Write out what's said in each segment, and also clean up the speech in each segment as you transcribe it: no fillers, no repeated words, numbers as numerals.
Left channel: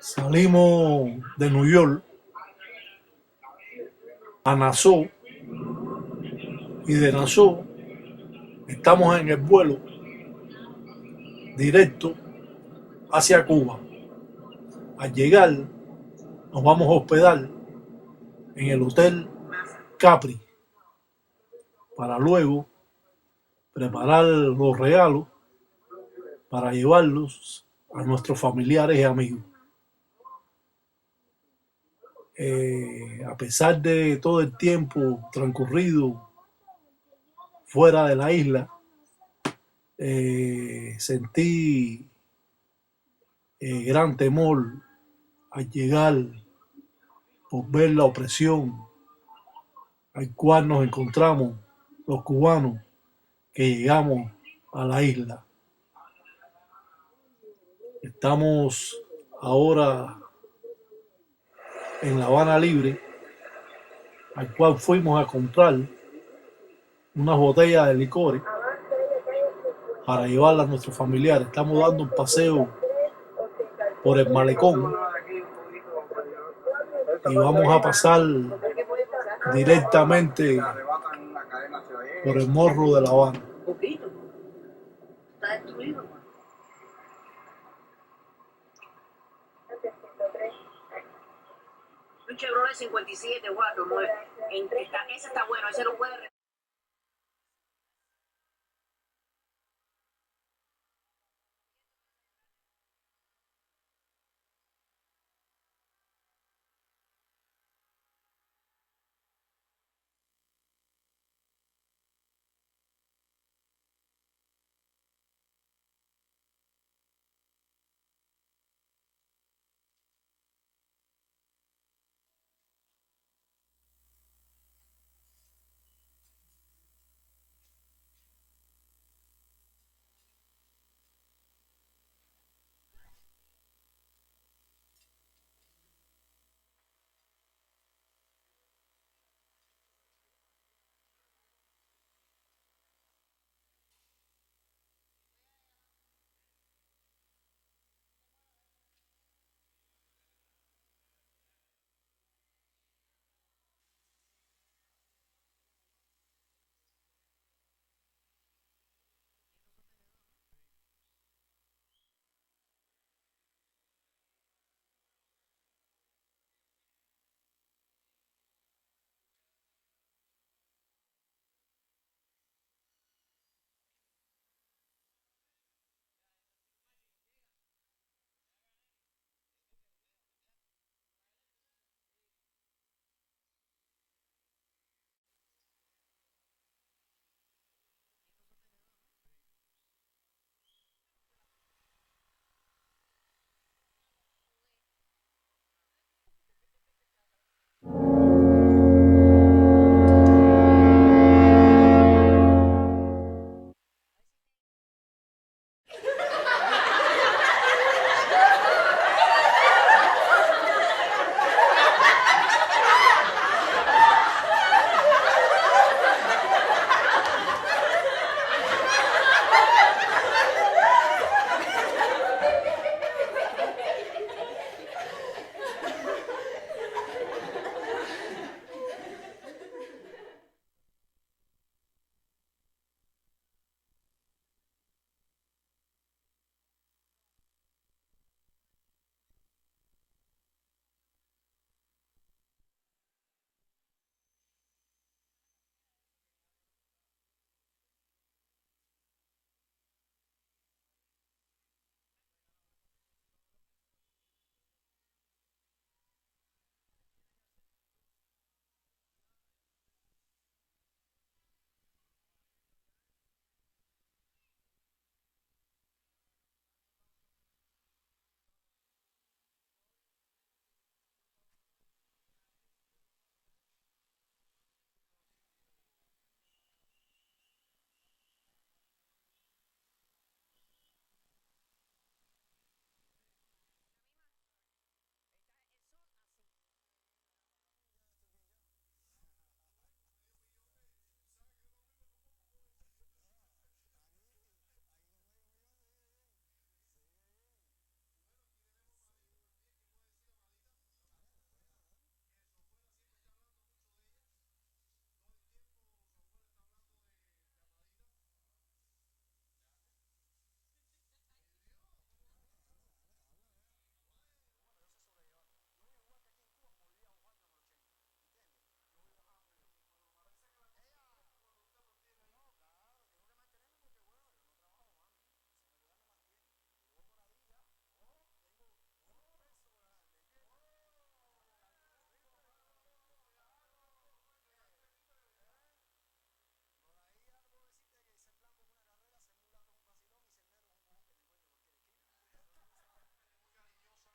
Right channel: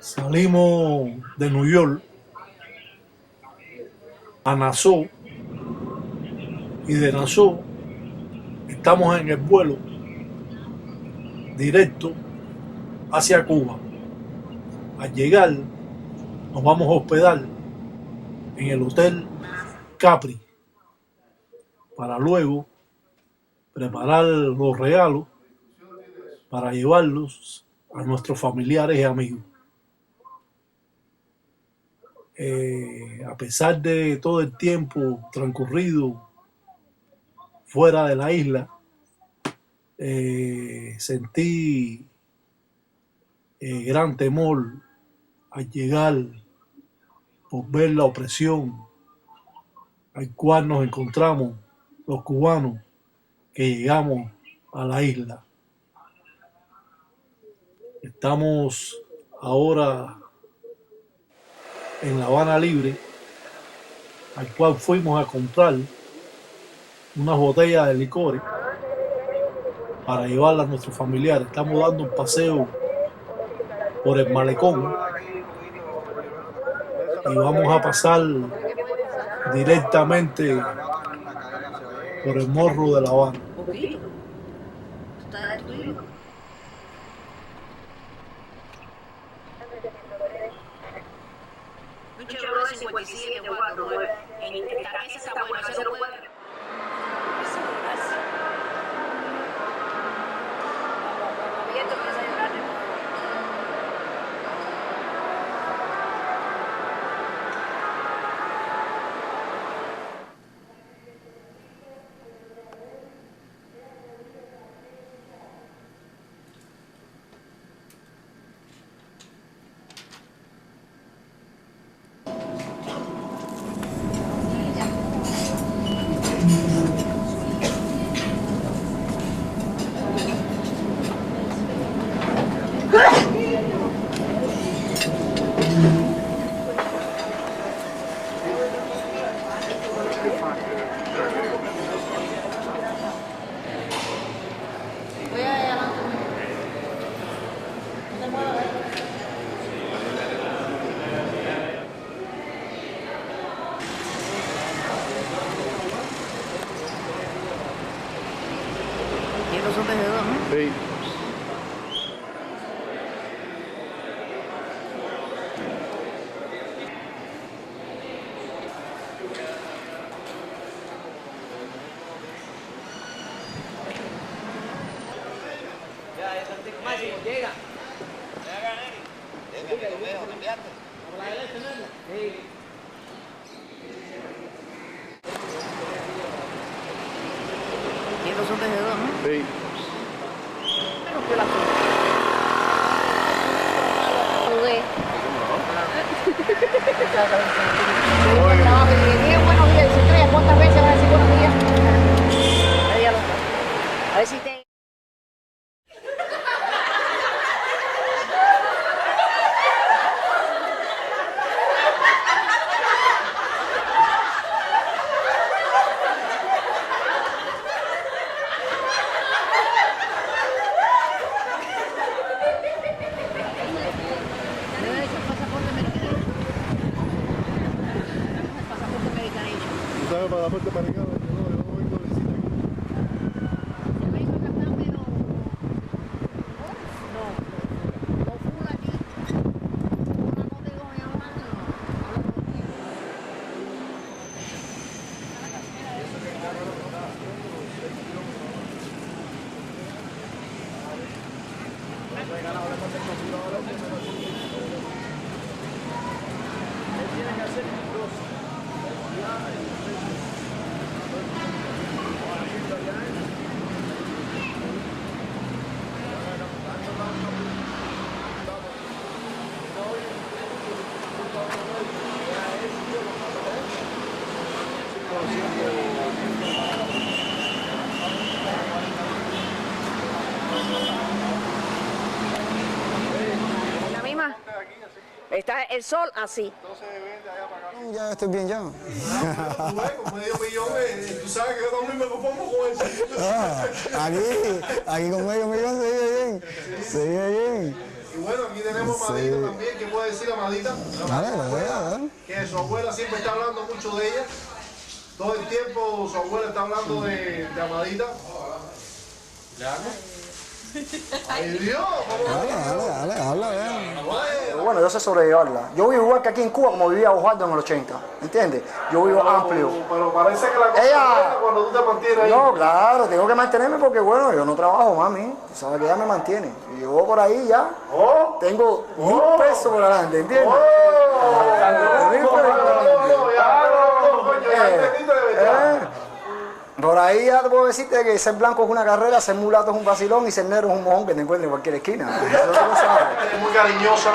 Salimos de New York a Nassau y de Nassau estamos en el vuelo directo hacia Cuba. Al llegar nos vamos a hospedar en el Hotel Capri para luego preparar los regalos para llevarlos a nuestros familiares y amigos. A pesar de todo el tiempo transcurrido fuera de la isla, sentí gran temor al llegar por ver la opresión al cual nos encontramos los cubanos que llegamos a la isla. Estamos ahora en La Habana Libre, al cual fuimos a comprar unas botellas de licores para llevarlas a nuestros familiares. Estamos dando un paseo por el malecón y vamos a pasar directamente por el morro de La Habana. Un Chevrolet 57 4 ese está bueno, ese lo puede. Sí. Sí. A ver si te... ¿Sabes para la parte americana? Yo no vengo a visita aquí. La misma. Está el sol así. Ya estoy bien ya. Con medio millón, tú sabes que yo también me conformo con eso. Aquí con medio millón se vive bien. Se vive bien. Y bueno, aquí tenemos a Amadita también, que puede decir Amadita. Que su abuela siempre está hablando mucho de ella. Todo el tiempo su abuela está hablando de Amadita. ¡Ay, Dios! Habla. Bueno, yo sé sobrellevarla. Yo vivo igual que aquí en Cuba como vivía Osvaldo en el 80, ¿entiendes? Yo vivo amplio. Pero parece que la cosa es buena cuando tú te mantienes ahí. No, claro, tengo que mantenerme porque, bueno, yo no trabajo, mami. Tú sabes que ella me mantiene. Y yo por ahí ya tengo 1.000 pesos por adelante, ¿entiendes? 1.000 pesos por adelante. Por ahí ya te puedo decirte que ser blanco es una carrera, ser mulato es un vacilón y ser negro es un mojón que te encuentres en cualquier esquina. Es muy cariñosa.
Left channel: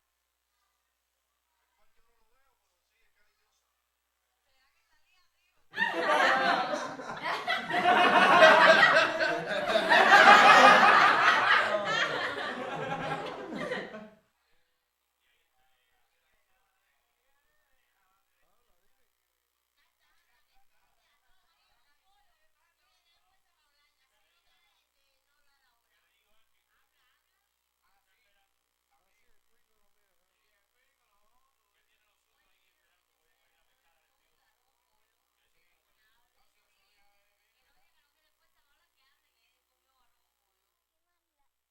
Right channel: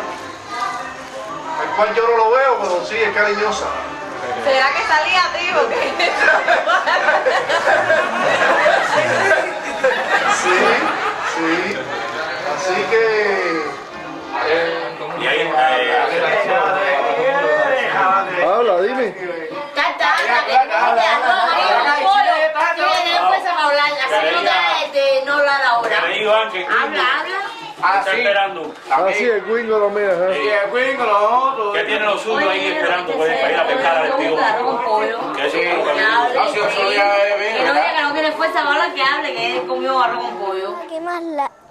El cual yo no lo veo, pero sí es cariñosa. ¿Será que salía a ti? Sí. Así que... Habla, dime. Está esperando. Así el Wingo lo mira. Sí, el Wingo, nosotros. Que tiene los suyos ahí esperando para ir a pescar al tío. Que eso es lo que no tiene fuerza para hablar, que hable, que él comió arroz con pollo. Aquí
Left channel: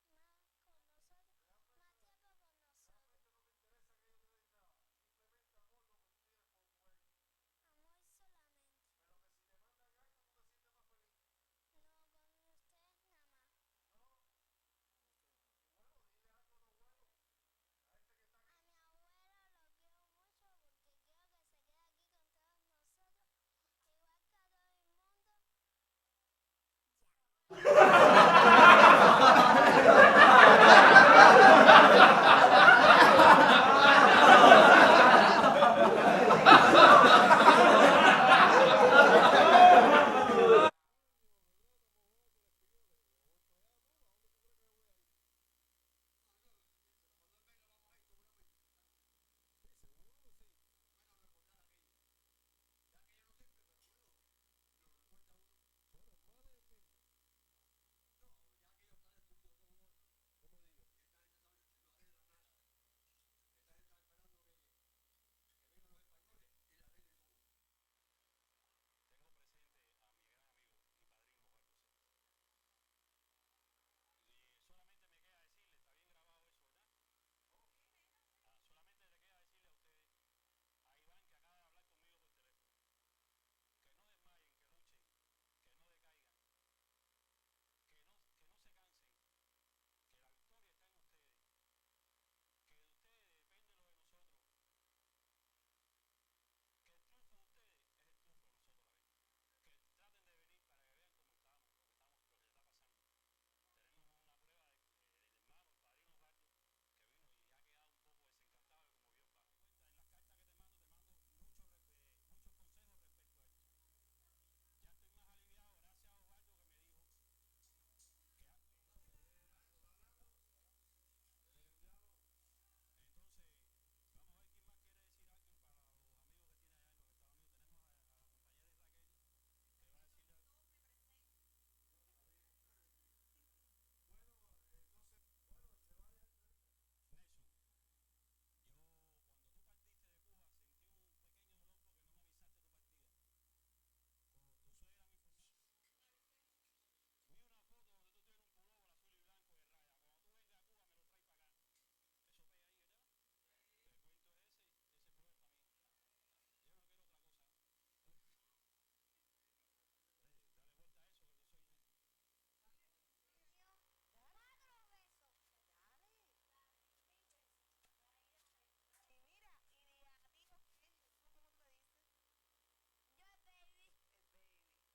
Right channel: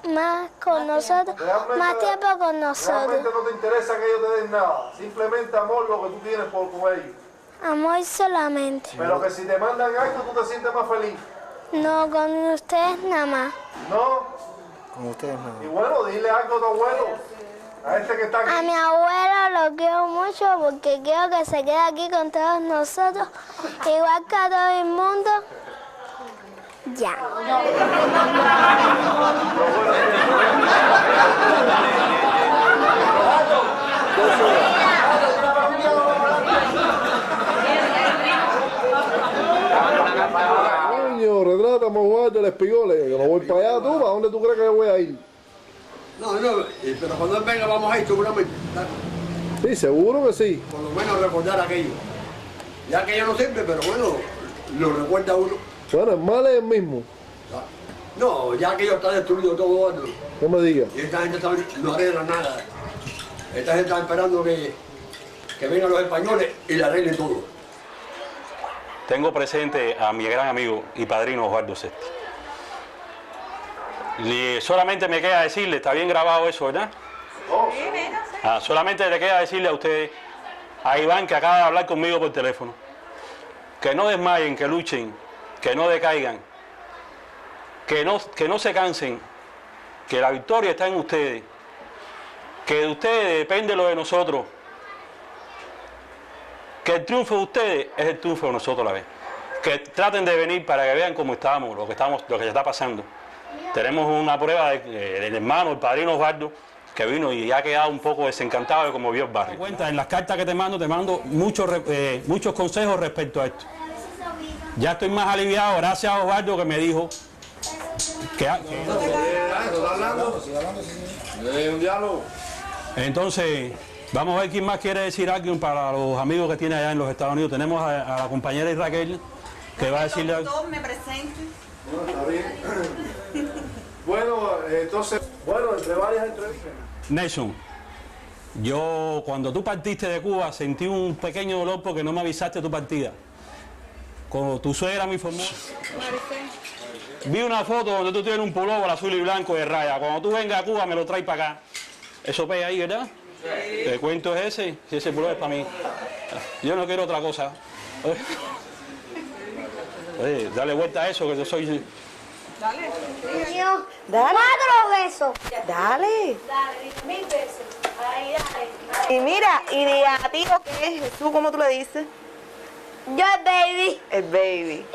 más con nosotros, más tiempo con nosotros. Realmente no te interesa que ellos te den nada. Simplemente amor lo que tú tienes por ellos. Amor solamente. Pero que si te mandan algo, tú te sientes más feliz. No, con ustedes nada más. ¿No? Con ustedes no. Y bueno, dile algo a tu abuelo. A este que está aquí. A mi abuelo lo quiero mucho porque quiero que se quede aquí con todos nosotros, igual que a todo el mundo. Ya. Coño, retrátame, Osvaldo, el espigole. Yo no voy para allá, tú. ¿Para dónde tú crees que yo voy a ir? No, pero cuando él venga vamos a ir seguramente. Sí, seguro que sí. Por lo menos recordar aquello. Ya que ya no sirve, pero bueno, lo recuerda uno. Bueno, el mal es el mismo. No, ya aquello está destruido todo. No me digas. Y esta gente no arregla nada. Esta gente está esperando que vengan los españoles y le arreglen todo. Tengo presente a mi gran amigo y padrino Osvaldo Sesti. Y solamente me queda decirle, está bien grabado eso, ¿verdad? Solamente le queda decirle a ustedes, a Iván que acaba de hablar conmigo por teléfono, que no desmayen, que luchen, que no decaigan, que no se cansen, que la victoria está en ustedes, que de ustedes depende lo de nosotros, que el triunfo de ustedes es el triunfo de nosotros a la vez. Que traten de venir para que vean cómo estamos, lo que se está pasando. Tenemos una prueba del hermano, el padrino Osvaldo, que vino y ha quedado un poco desencantado de cómo vio el barrio. Cuenta, en las cartas que te mando muchos consejos respecto a esto. Ya estoy más aliviado, gracias a Osvaldo que me dijo que... Un diálogo. Entonces, vamos a ver quién más quiere decir algo para los amigos que tiene allá en los Estados Unidos. Tenemos a la compañera Raquel, que va a decirle algo. Me presente. Bueno, está bien. Bueno, entonces, entre varias entrevistas. Nelson, yo cuando tú partiste de Cuba sentí un pequeño dolor porque no me avisaste de tu partida. Cuando tu suegra me informó. Vi una foto donde tú tienes un pullover azul y blanco de raya. Cuando tú vengas a Cuba me lo traes para acá. Eso pega ahí, ¿verdad? Sí. El cuento es ese, si ese pullover es para mí. Yo no quiero otra cosa. Oye, dale vuelta a eso que yo soy... Dale. 4 pesos. Dale. 1000 pesos. Ahí, Y mira, y de a ti, ¿qué es? ¿Tú cómo tú le dices? Yo el baby. El baby.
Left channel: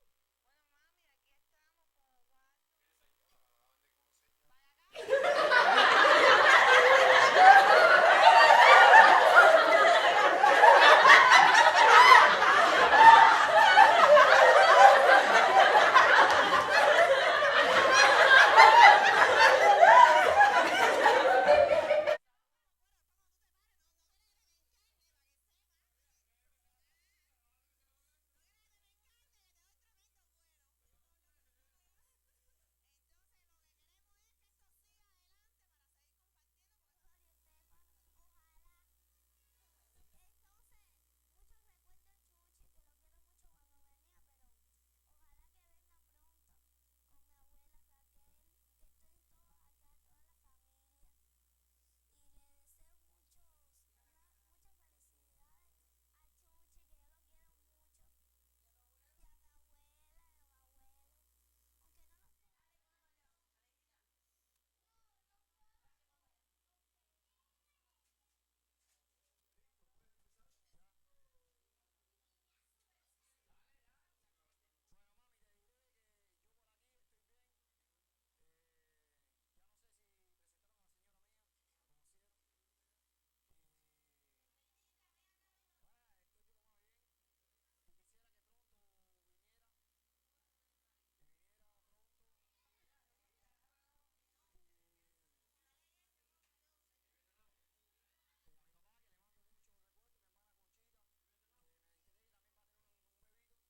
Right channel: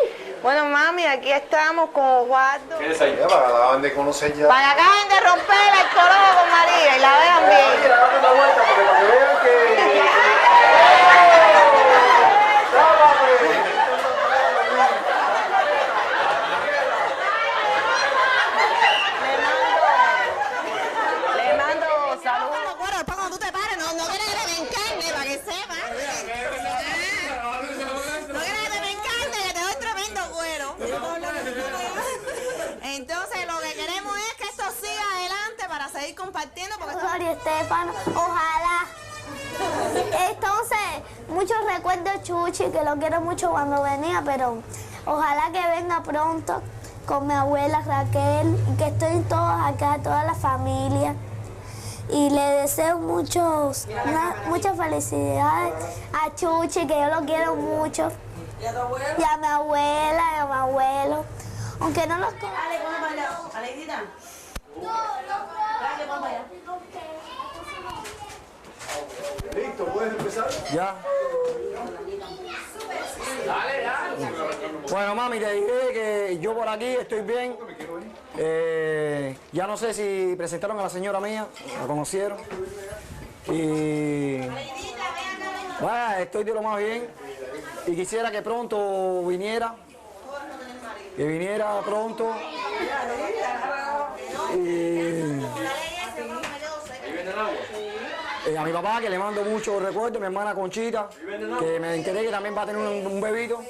Bueno, mami, aquí estamos con Osvaldo. ¿Qué es ahí? Para que la acaban de conocer ya. Para que acaben de romper el corojo con María y la vean bien. Le mando saludos. Bueno, después cuando tú te pares, no quieres que te encarne, para que sepas. No quieres que te encarne, que te doy tremendo cuero. Entonces, lo que queremos es que esto siga adelante para seguir compartiendo, porque esto Estefano, ojalá. Entonces, muchos recuerdos Chuchi, que lo quiero mucho cuando venía, pero ojalá que venga pronto con mi abuela Raquel, y que estén todos acá, toda la familia. Y le deseo muchas felicidades a Chuchi, que yo lo quiero mucho. ¿Y a tu abuela? Y a mi abuela, y a mi abuelo. Aunque no los conozco. Dale, ponme para allá. Aleidita. Dale, ponme para allá. Listo, ¿puedes empezar? Ya. Bueno, mami, te diré que yo por aquí estoy bien. Ya no sé si presentaron a la señora mía, la conocieron. Y bueno, estoy de lo más bien. Y quisiera que pronto viniera. Que viniera pronto. A mi papá, que le mando muchos recuerdos, mi hermana Conchita, que me enteré que también va a tener un bebito.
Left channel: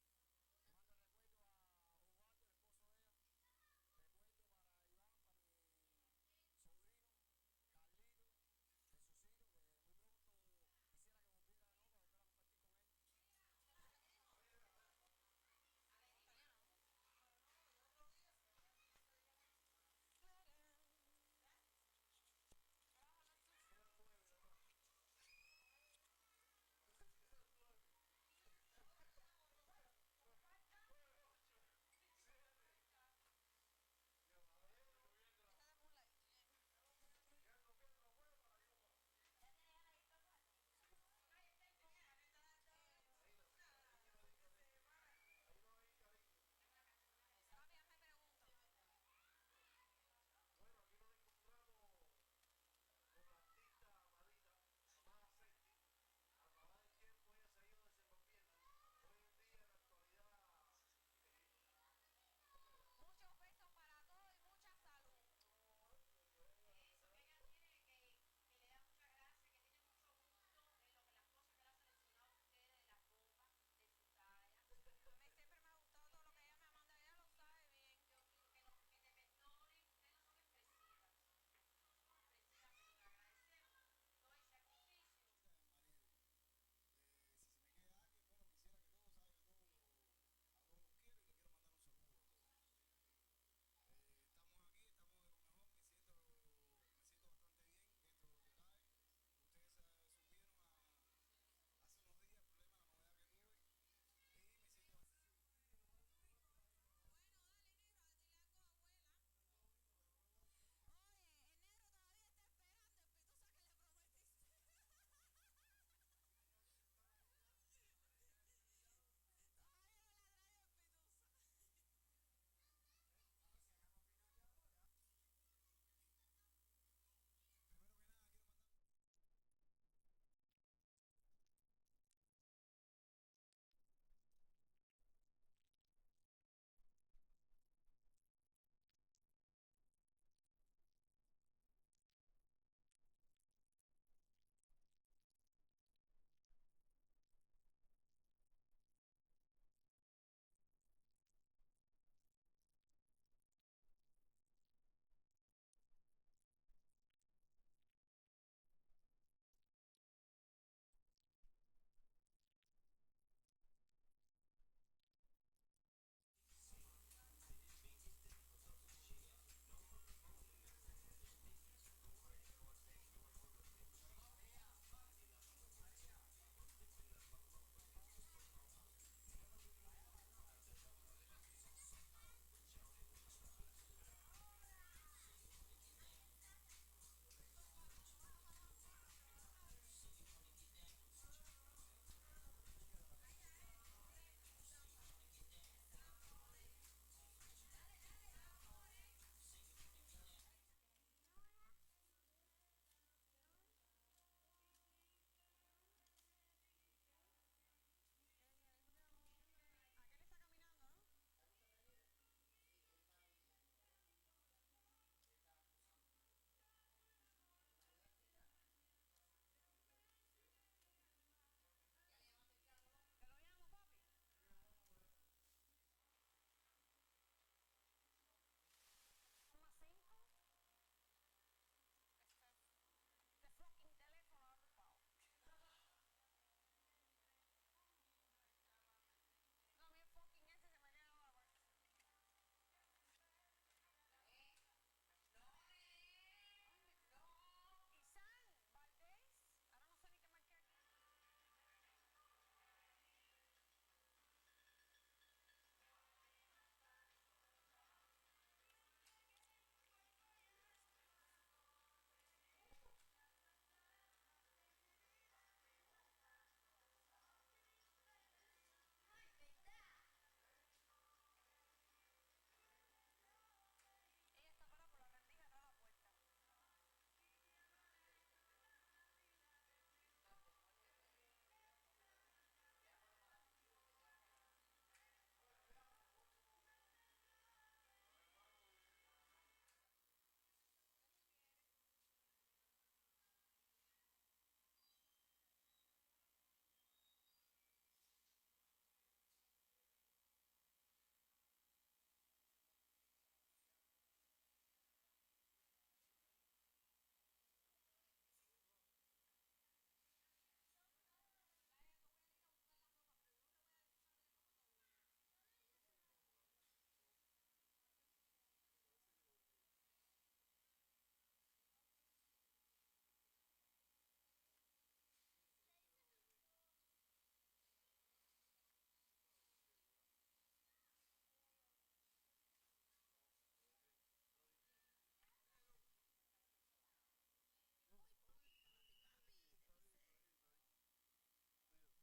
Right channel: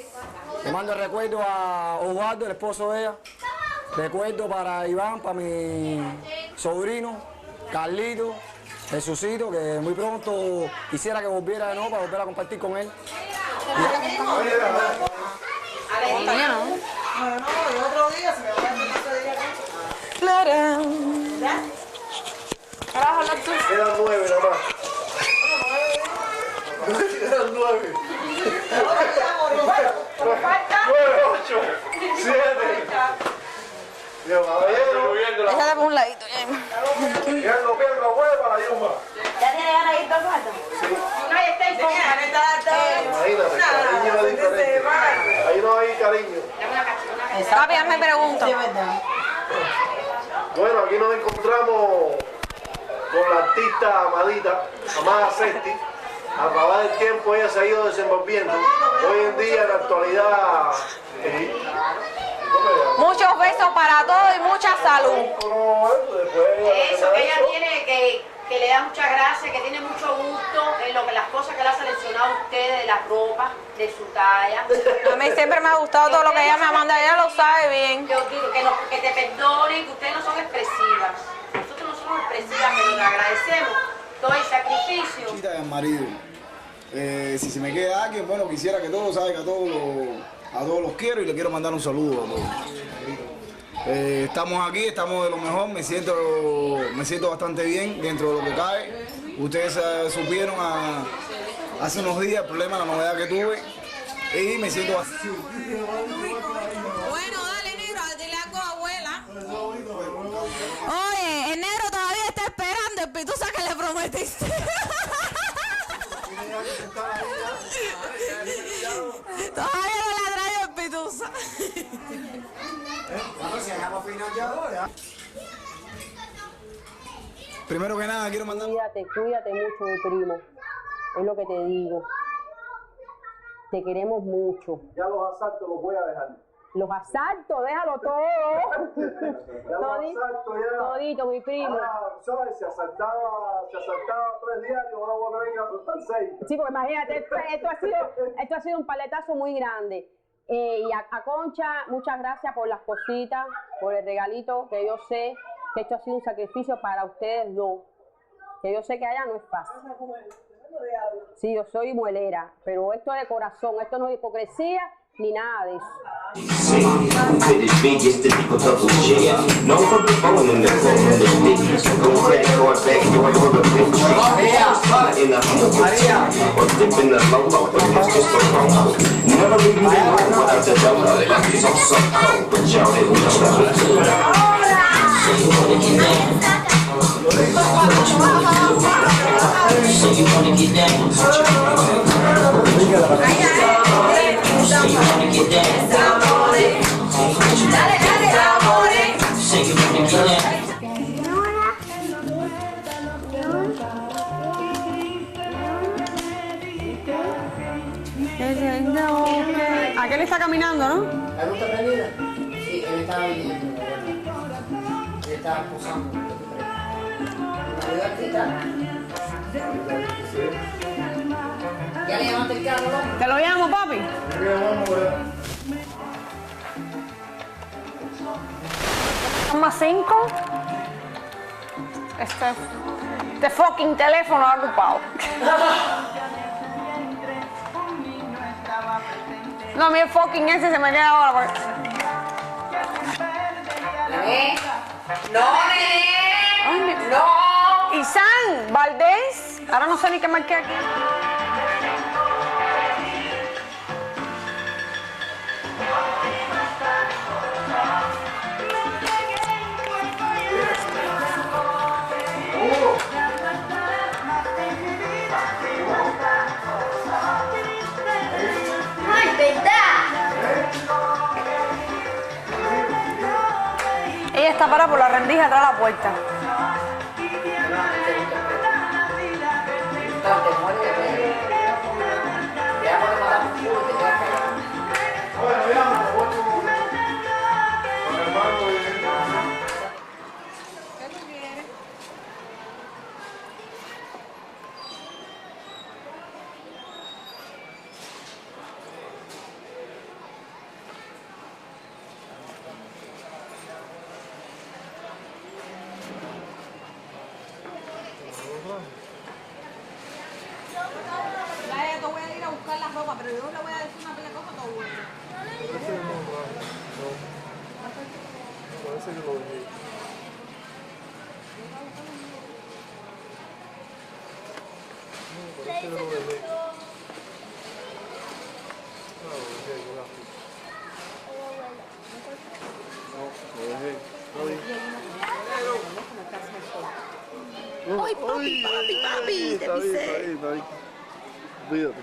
Le mando el recuerdo a Osvaldo, el esposo de ella. Recuerdo para Iván, para mi sobrino, Carlito, Jesucito, que muy pronto quisiera que volviera de nuevo para volver a compartir con él. Aleidita. No, el otro día se me va a hacer otro día. Clara. Quedan 9 nada más. Quedan 9. 9, 8, 7. Dios, Déjala por un ladito. Pierdo, hueva la yuma. ¿Ya tiene ganas de ir dos cuartos? Sí. Una y está en Imagínate, cariño es diferente. Ahí no hay cariño. Papi, hazme preguntas. Bueno, aquí nos encontramos con la artista Amadita, Amada Sesti. A través del tiempo ella se ha ido desenvolviendo. Hoy en día, en la actualidad, Muchos besos para todos y mucha salud. Eso, que ella tiene, que le da muchas gracias, que tiene mucho gusto en las cosas que le ha seleccionado a ustedes, de la ropa, de su talla. A mí siempre me ha gustado todo lo que ella me manda, ella lo sabe bien. Yo digo que te perdonen, que ustedes no son expresivas. Nosotros no somos expresivas, pero le agradecemos todo el sacrificio. Chiquita del marido. Si se me queda alguien, bueno, quisiera que todos saben que a todos los quiero y les quiero mandar un saludo a todos. Estamos aquí, estamos de lo mejor, me siento bastante bien dentro de lo que cae. Ustedes supieron hace unos días el problema, la novedad que tuve y me siento así. Bueno, dale, negro, dile algo a abuela. Oye, el negro todavía está esperando el pitusa que le prometiste. Todavía no le ha traído el pitusa. Primero que nada, quiero mandar... Cuídate mucho, mi primo. Es lo que te digo. Te queremos mucho. Ya los asaltos los voy a dejar. Los asaltos, déjalo todo. Todito, mi primo. Ahora, ¿sabes? Se asaltaba 3 diarios, ahora voy a tener que asaltar 6. Sí, porque imagínate, esto ha sido un paletazo muy grande. Y a Concha, muchas gracias por las cositas, por el regalito, que yo sé que esto ha sido un sacrificio para ustedes dos. Que yo sé que allá no es fácil. Sí, yo soy muelera, pero esto es de corazón, esto no es hipocresía ni nada de eso. Aquel está caminando, ¿no? ¿Él está perdida? Sí, él estaba viniendo. Él estaba posando. ¿Ya le llamaste el carro, no? ¿Te lo llamo, papi? Más 5. Este fucking teléfono ha ocupado. No, mi fucking ese se me queda ahora. No, nene. No. Isan, Valdés. Ahora no sé ni qué marqué aquí. Ella está parada por la rendija atrás de la puerta. Pero yo le voy a decir una pila de cosas todo bueno. Parece que lo dejé. Parece que lo dejé. No, lo dejé, gracias. No, lo dejé. ¡Ay, papi! Te pisé. Está ahí. Olvídate.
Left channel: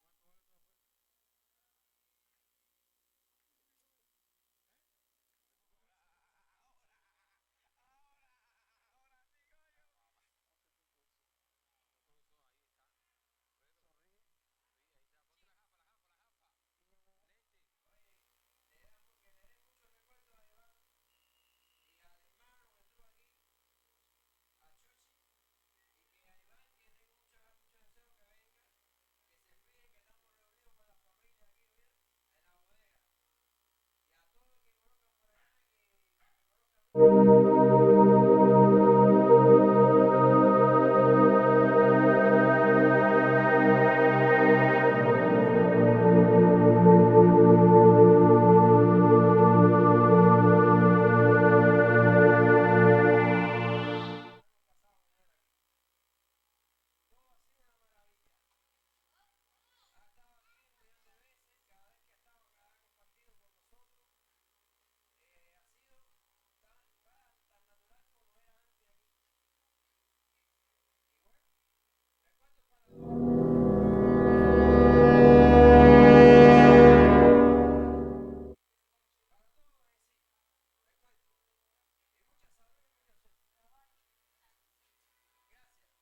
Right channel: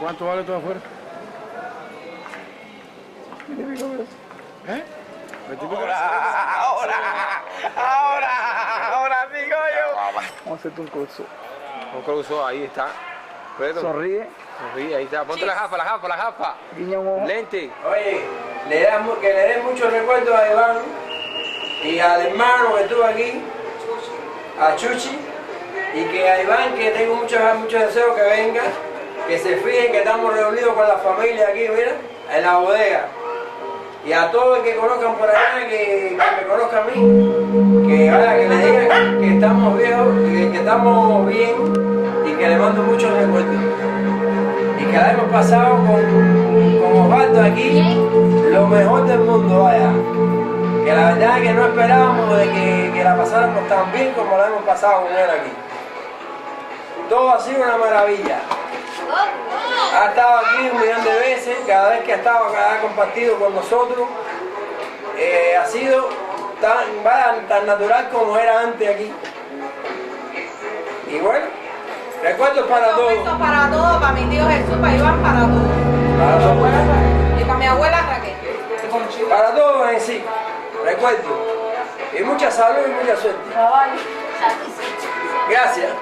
¿Cuánto vale todo afuera? ¿Eh? Ahora, amigo yo. Vamos a hacerte un curso. Un curso, ahí está. Pero, Sonríe. sonríe, ahí está. Ponte la gafa. Guiña un ojo. Lente. Oye, que le dé muchos recuerdos a Iván y al hermano que estuvo aquí, a Chuchi, y que a Iván, que tengo muchos deseos que venga, que se fijen que estamos reunidos con la familia aquí, mira, en la bodega. Y a todos los que conozcan por allá, que me conozcan a mí, que le digan que estamos viejos, que estamos bien y que le mando muchos recuerdos. Y que la hemos pasado con Osvaldo aquí, lo mejor del mundo, vaya. Que la verdad es que no esperábamos de que la pasáramos tan bien como la hemos pasado con él aquí. Todo ha sido una maravilla. Ha estado aquí 1.000.000 de veces, cada vez que ha estado, cada vez compartido con nosotros, ha sido tan natural como era antes aquí. Y bueno, recuerdos para todos. Recuerdos para todos, para mi tío Jesús, para Iván, para todos. Y para mi abuela Raquel. Para todos en sí, recuerdos. Y mucha salud y mucha suerte. Gracias.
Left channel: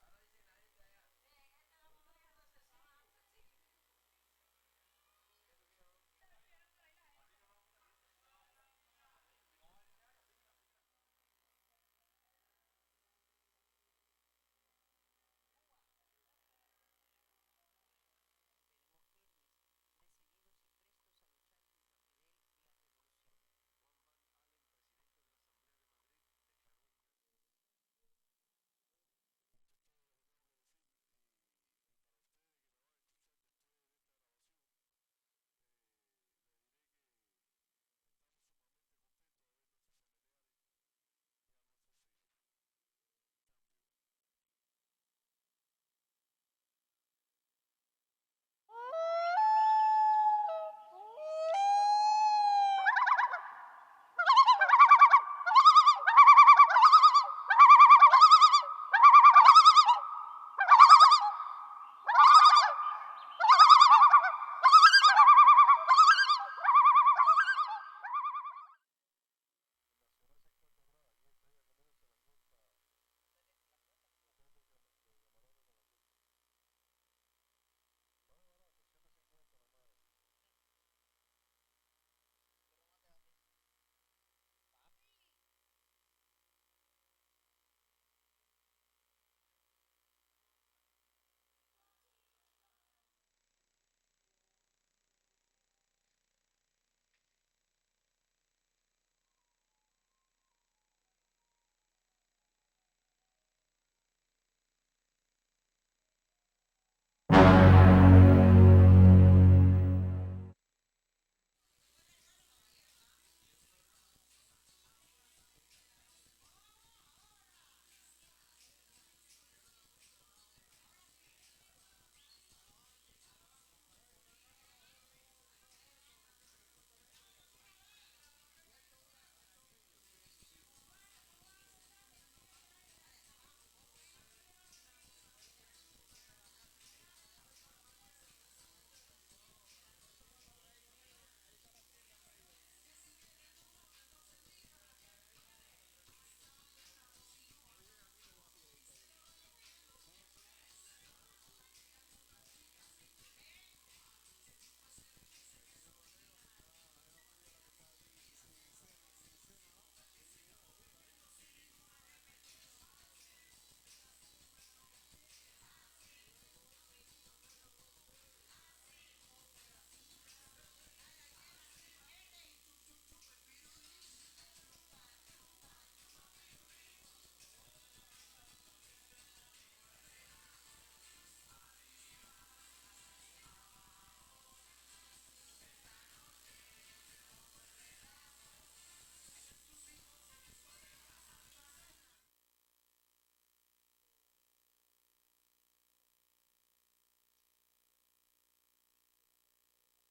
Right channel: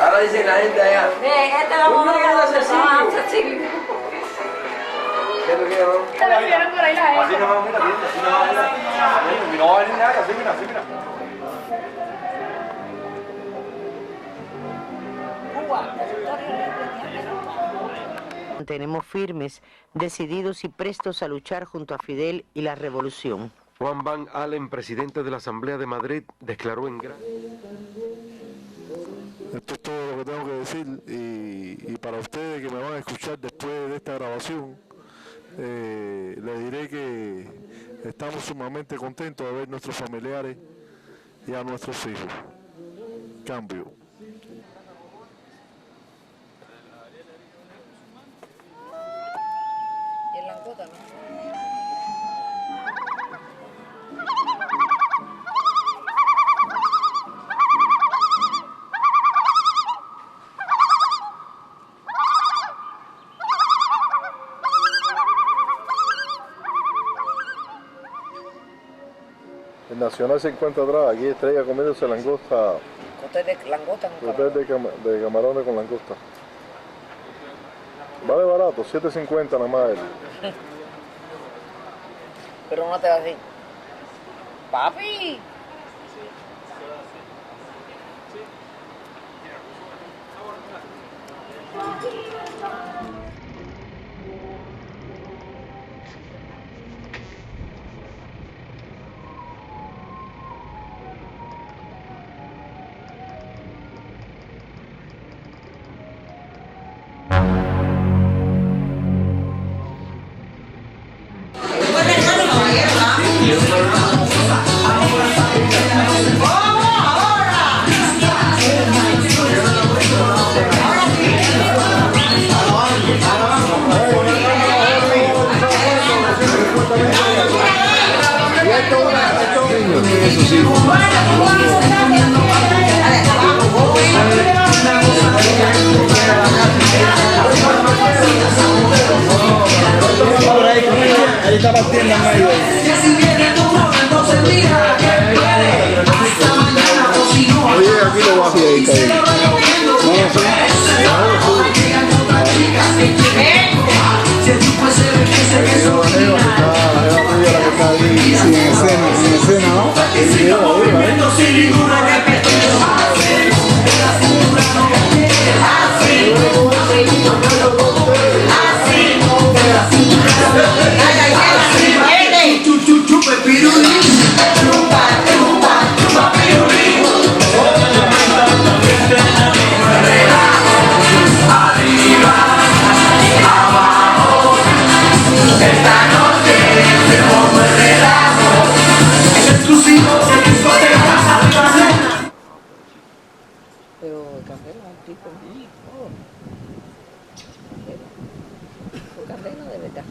Ahora dicen la gente allá. Este vamos a Cecilio. ¿Qué tú quieres, no? Se lo quieren por ahí la gente. Así no va, mira, así no va, mira. No va a venir nada, así mira, así mira. Mantenemos firmes, decididos y prestos a luchar junto a Fidel y la revolución. Juan Van Allen, presidente de la Asamblea de Madrid, declaró en gran... Esto es todo lo que tengo que decir y para ustedes que me van a escuchar después de esta grabación, les diré que estamos sumamente contentos de ver a nuestros familiares y a nuestros hijos. Cambio. El Nacional se encuentra atrás, aquí Estrella comiéndose langosta. Cóctel de langosta con Cóctel de camarones con langosta. Vale barato, 7.50 nada más. Pero no te va a decir, papi. Ahí está partiendo en medio. Oye, aquí lo bajo y ahí está bien. Sin escena, ¿no? Pero Candela es un tipo muy joven. Candela de verdad.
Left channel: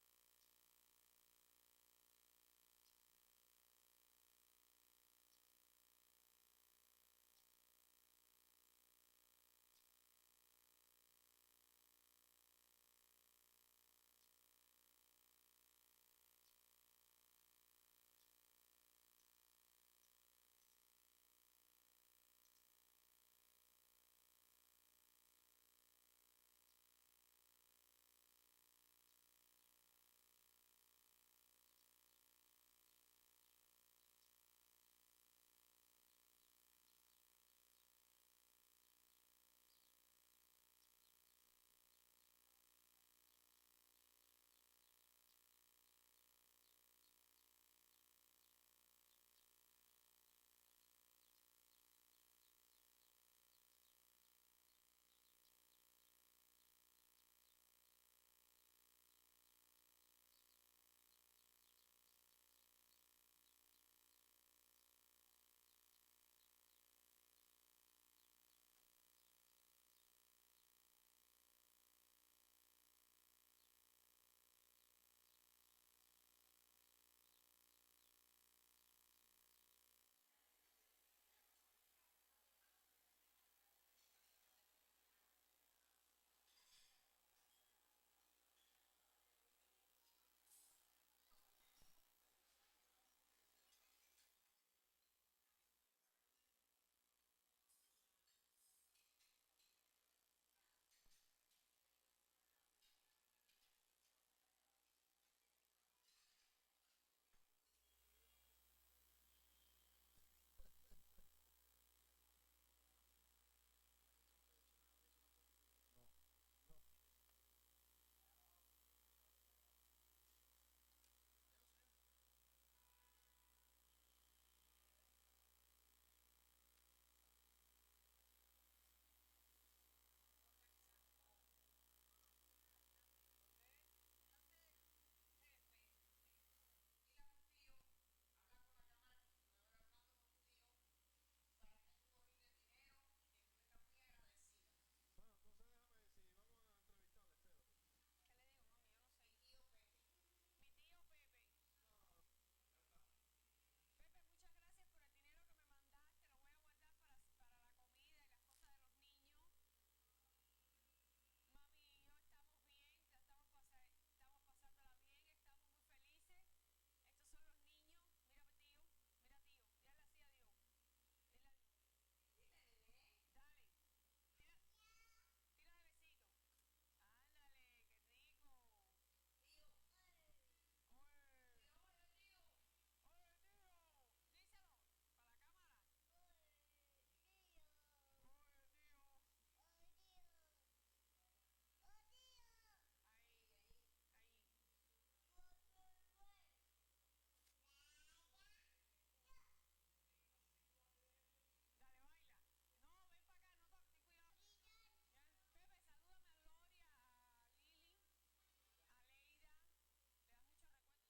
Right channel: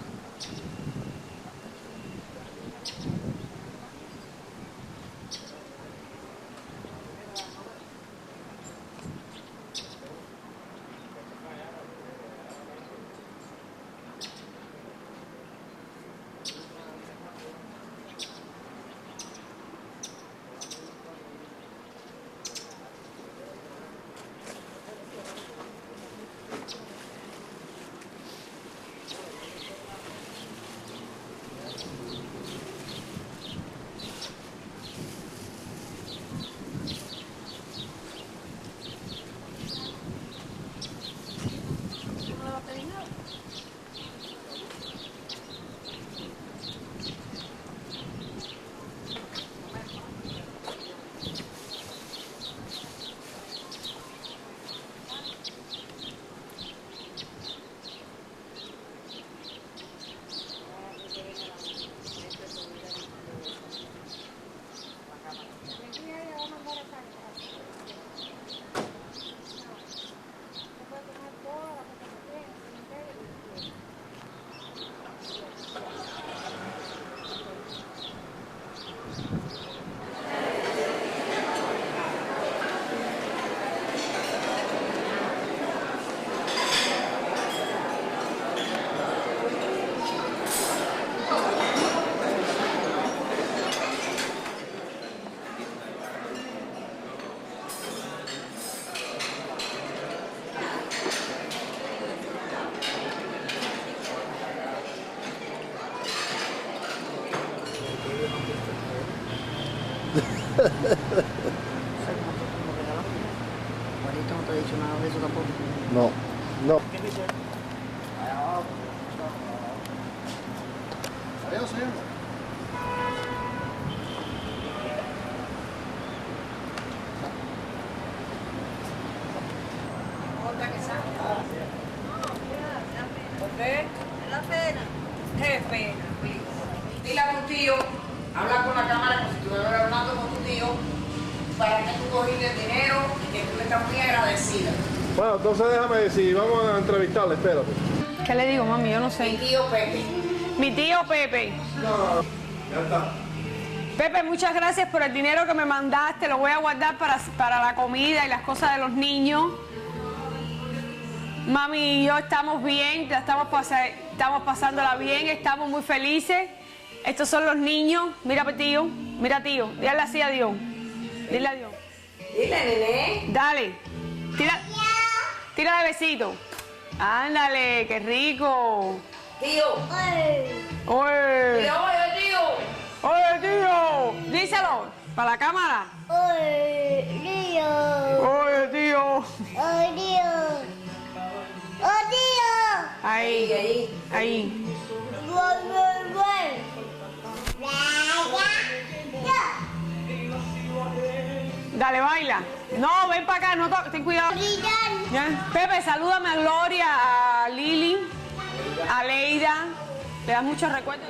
Juanito no te ha dicho nada de eso tampoco. No, no. Adiós, señor. La pena. Qué pena. Dile a tu tío, habla con la cámara como si estuvieras hablando con tu tío, para que tú cogiste el dinero y que tú estás muy agradecida. Bueno, entonces déjame decir, vamos a entrevistarle, espérate. ¿Qué le digo, mami? Yo no sé. Mi tío Pepe. Mi tío Pepe. No, ya está. Pepe, muchas gracias por el dinero que me mandaste. Lo voy a guardar para la comida y las cosas de los niños. Mami y yo estamos bien, estamos pasándola bien, estamos muy felices. Estos son los niños. Mira, tío. Mira, tío. Dile así a Dios. Dile adiós. Dile, nene. Dale. Tira de besito. Ándale, qué rico. Tío. Oye. Tío, oye, tío. Oye, tío. Díselo. Para la cámara. Oye, tío. Oye, tío. Oye, tío. Oye, tío. Ahí. Ahí. Dale, baila. No, ven para acá, no ten cuidado. ¿Ya? Pepe, salúdame a Gloria, a Lili, a Leida. Le das muchos recuerdos.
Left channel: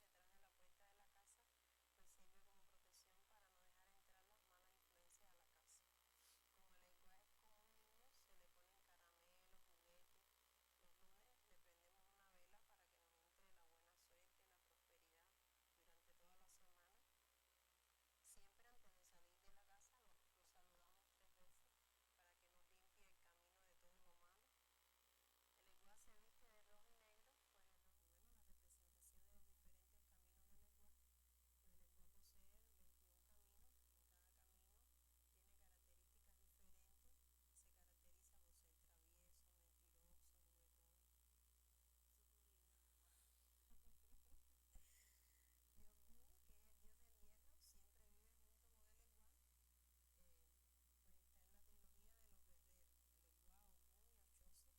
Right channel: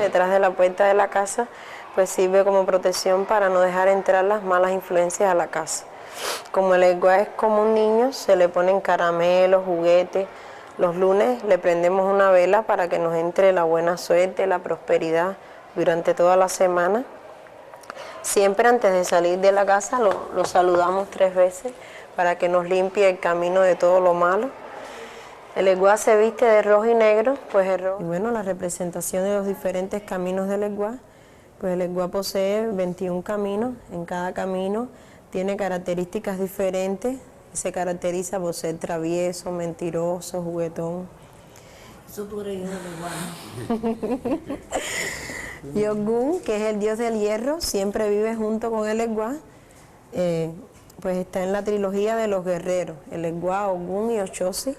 Detrás de la puerta de la casa, pues sirve como protección para no dejar entrar las malas influencias a la casa. Como el Egua es como un niño, se le ponen caramelos, juguetes. Los lunes le prendemos una vela para que nos entre la buena suerte, la prosperidad durante toda la semana. Siempre antes de salir de la casa lo saludamos 3 veces para que nos limpie el camino de todo lo malo. El Egua se viste de rojo y negro, pues el rojo. Y bueno, la representación de los diferentes caminos del Egua, pues el Egua posee 21 caminos. En cada camino tiene características diferentes. Se caracteriza por ser travieso, mentiroso, juguetón. Eso tú eres hijo del Egua. Y Ogún, que es el dios del hierro, siempre vive junto con el Egua. Pues está en la trilogía de los guerreros. El Egua, Ogún y Ochosi.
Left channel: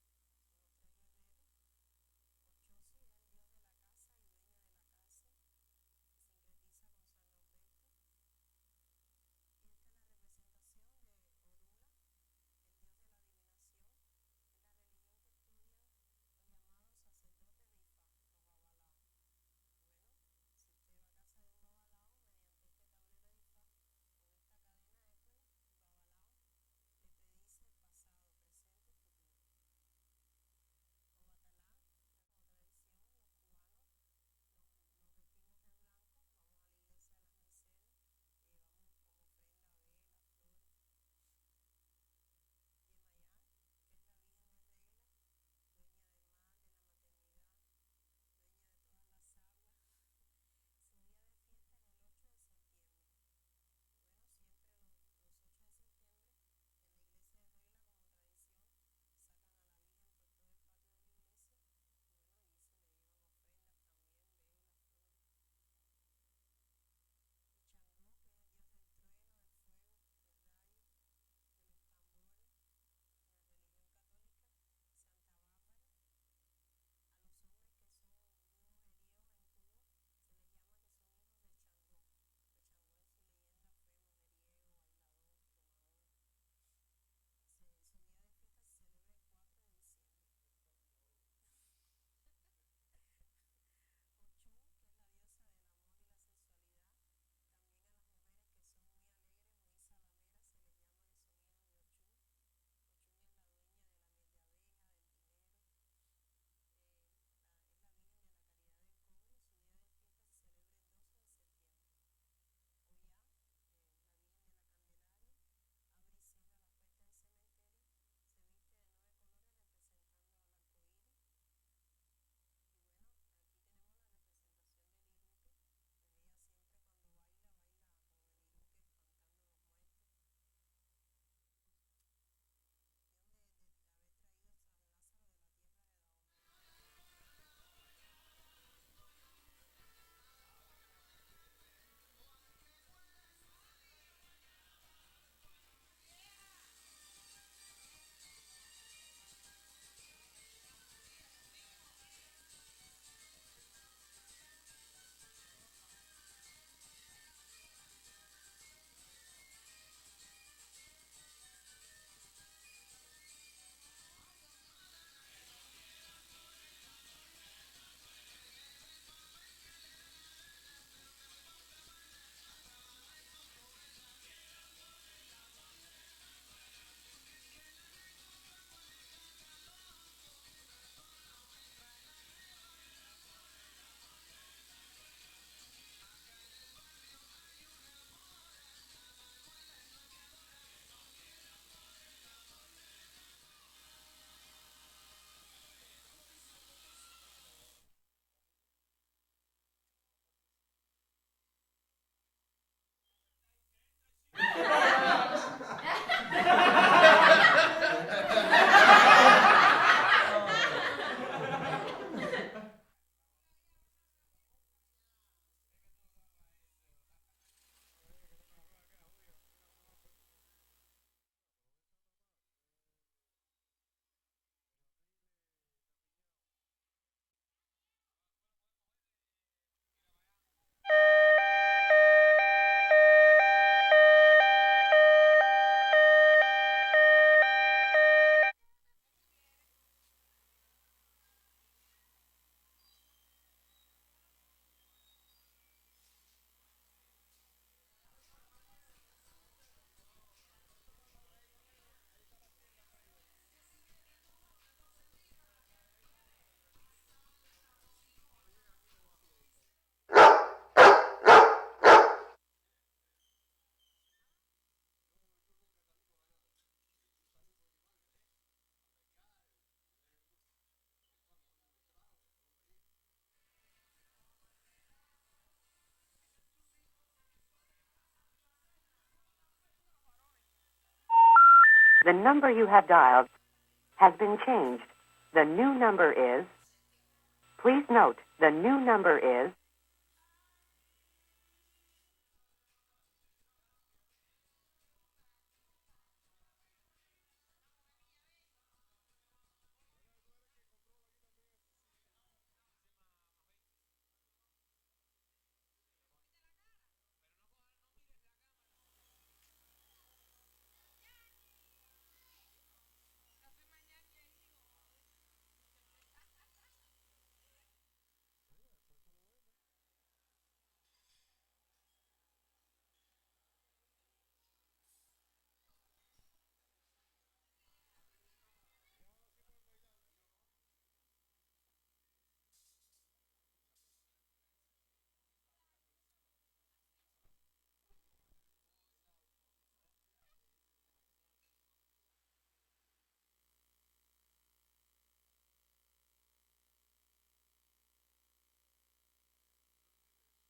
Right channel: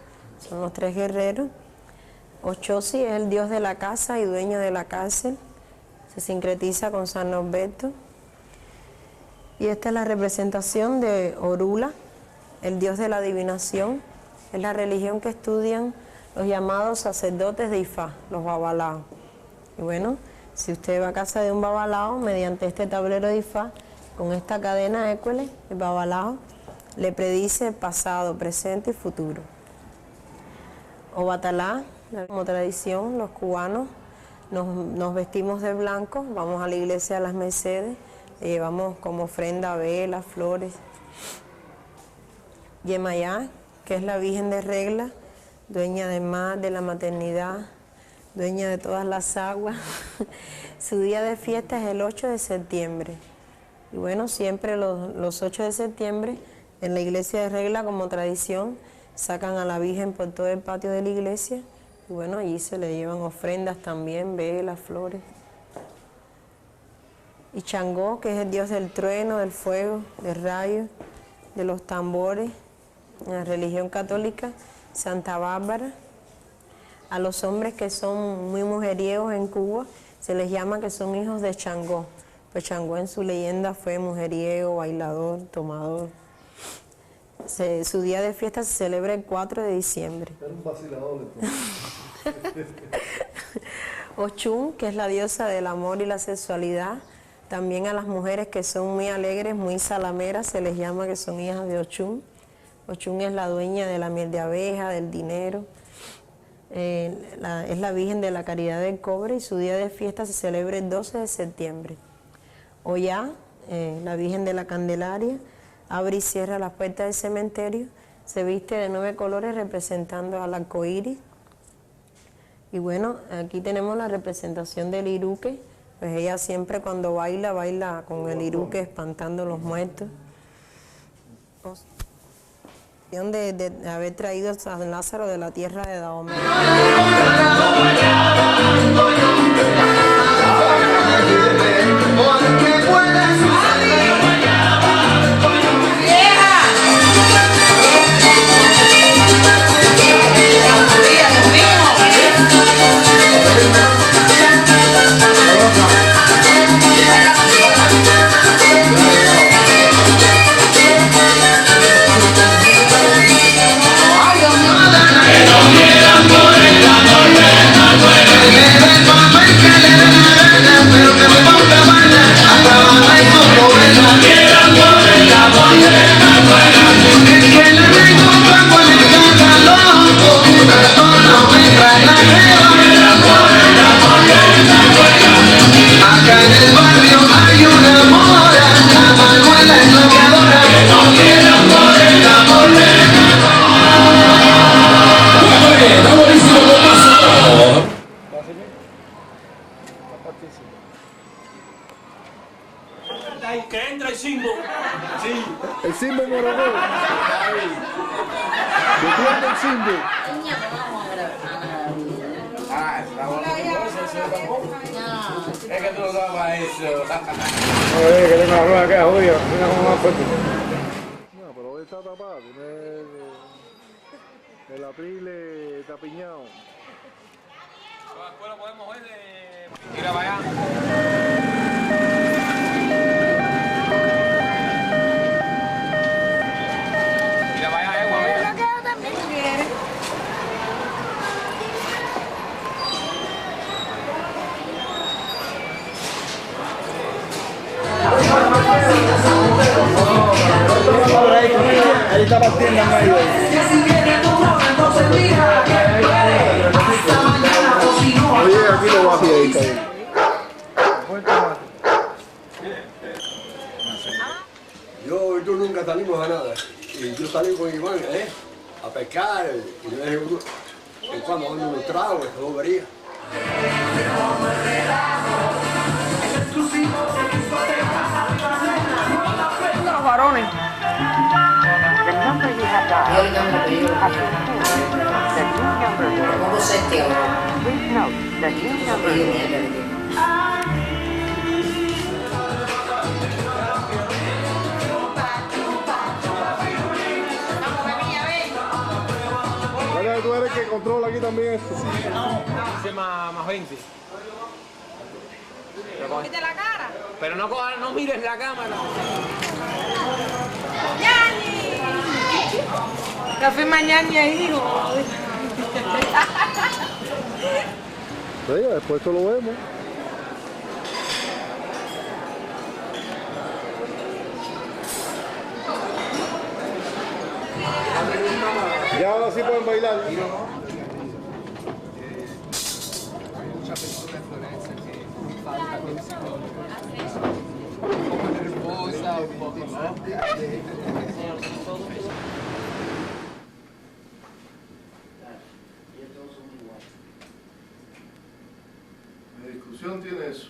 Son los 3 guerreros. Ochosi es el dios de la casa y dueño de la cárcel. Se sincretiza con San Norberto. Y esta es la representación de Orula, el dios de la adivinación. Es la religión que estudian los llamados sacerdotes de Ifá, los babalaos. Y bueno, si usted va a casa de un babalao, mediante este tablero de Ifá, con esta cadena Écuele, el babalao le predice el pasado, presente y futuro. Obatalá, como tradición, los cubanos nos vestimos de blanco, vamos a la iglesia de las Mercedes, le llevamos como ofrenda velas, flores. Yemayá, que es la Virgen de Regla, dueña del mar, de la maternidad, dueña de todas las aguas. Su día de fiesta es el 8 de septiembre. Y bueno, siempre los 8 de septiembre, en la iglesia de Regla, como tradición, sacan a la Virgen por todo el patio de la iglesia y bueno, allí se le llevan ofrendas también, velas, flores. Y Changó, que es el dios del trueno, del fuego, del rayo, de los tambores, en la religión católica, Santa Bárbara. A los hombres que son muy mujeriegos en Cuba se les llama que son hijos de Changó. Pues Changó en su leyenda fue mujeriego, bailador, tomador. Su día de fiesta se celebra el 4 de diciembre. Era un vacilador entonces. Ochun, que es la diosa del amor y la sexualidad. También a las mujeres que son muy alegres, muy salameras, se les llama que son hijas de Ochun. Ochun es la dueña de la miel de abeja, del dinero. Es la Virgen de la Caridad del Cobre y su día de fiesta se celebra el 12 de septiembre. Oyá, la Virgen de la Candelaria, abre y cierra las puertas del cementerio, se viste de 9 colores representando al arco iris. Y bueno, aquí tenemos la representación del iruque, pues ella siempre cuando baila, baila con el iruque espantando los muertos. De haber traído a San Lázaro de la tierra de Dahomey. Que no quieran por el amor de la ahí, que entra el Simbo. Sí. El Simbo Moreno. ¿Entiende el Simbo? Es que tú no dabas eso. Oye, que tengo la rueda acá, jodido. Mira cómo más fuerte. No, pero hoy está tapado. Tiene el atril está piñado. Después lo podemos ver de... Mira para allá. Mira para allá, mira. Yo también quiero. Ahí está partiendo en medio. Oye, aquí lo bajo y ahí está bien. Yo y tú nunca salimos a nada. Y yo salí con Iván, a pescar. Y yo dije, en cuando ando unos tragos, eso vería. Los varones. The number you have dialed has been changed. The new number is... Please note, the new number is... Vale, tú eres el que controla aquí también esto. Ese más 20. ¿Viste la cara? Pero no mires la cámara. ¡Yani! Café mañana ahí, hijo. Sí, después eso lo vemos. Ya ahora sí pueden bailar. La discusión tiene eso.